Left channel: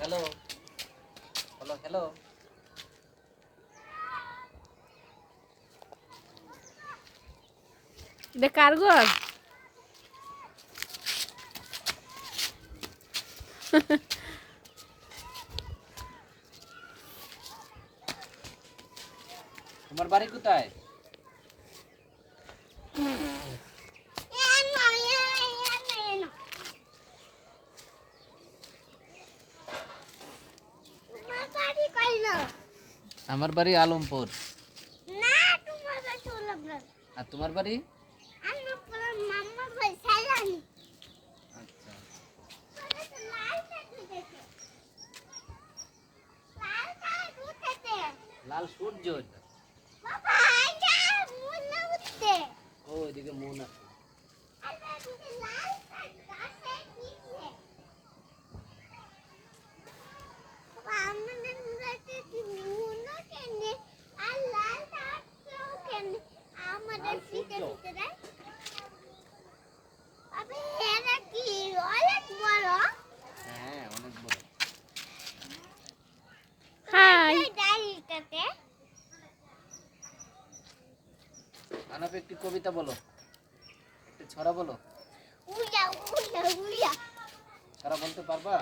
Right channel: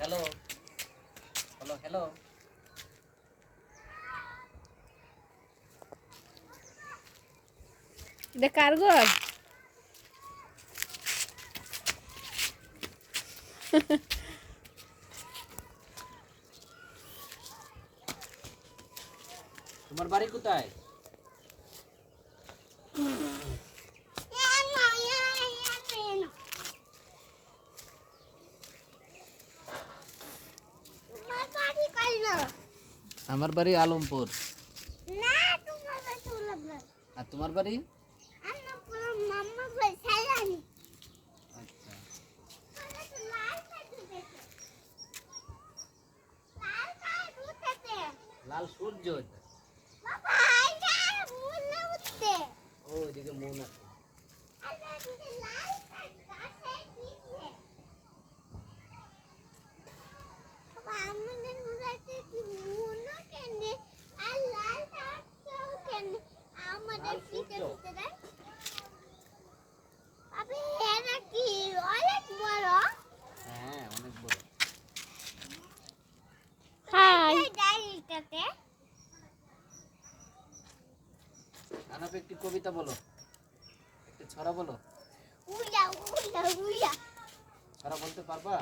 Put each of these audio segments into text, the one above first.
Hello, বলো hello. এটা কার ঘর? তোমার বাড়ি কোথায়? আমার বাড়ি আলমপুর। আর তোমার বাড়ি? আচ্ছা, লাল সূর্য এটা। ও এদিকে মন আছে। লাল সূর্য। হ্যাঁ, অনেক বড়। হাই। আনাপ একটি কবিতা বলো, একটি ছড়া বলো। ছড়া বলতে পারবা?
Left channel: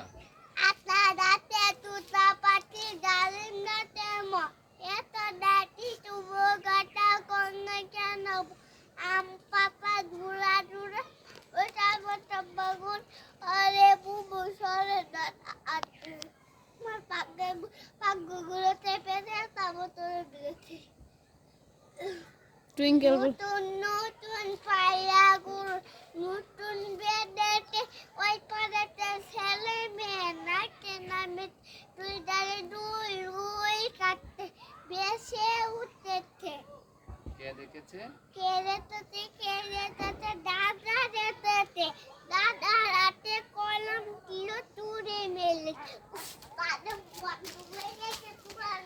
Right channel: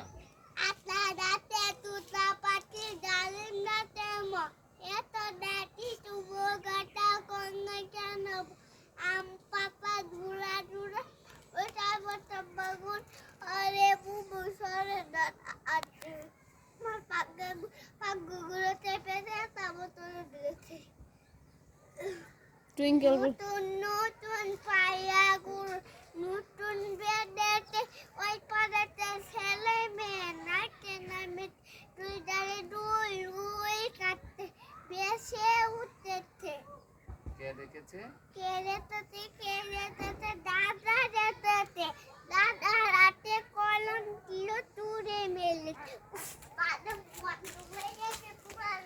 টুইঙ্কেল নতুন নতুন পায়রাগুলো নতুন বেডেতে ওই পাড়াতে ছেলে মেয়ে নাচে নামে তুই দাঁড়ে দুই রুই কাটতে বেসে উঠেছে কে দেখেছে? কেড়েতে দাদা যেতেছে দাদা রাতে কলম কিলো তুড়ে মেলে পাদে বন্ধ হয়ে গেছে তোমার।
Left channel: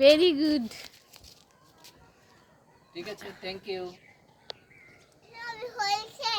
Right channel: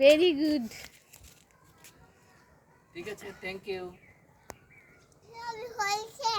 Very good. ঠিক আছে, থ্যাংক ইউ। হয়েছে।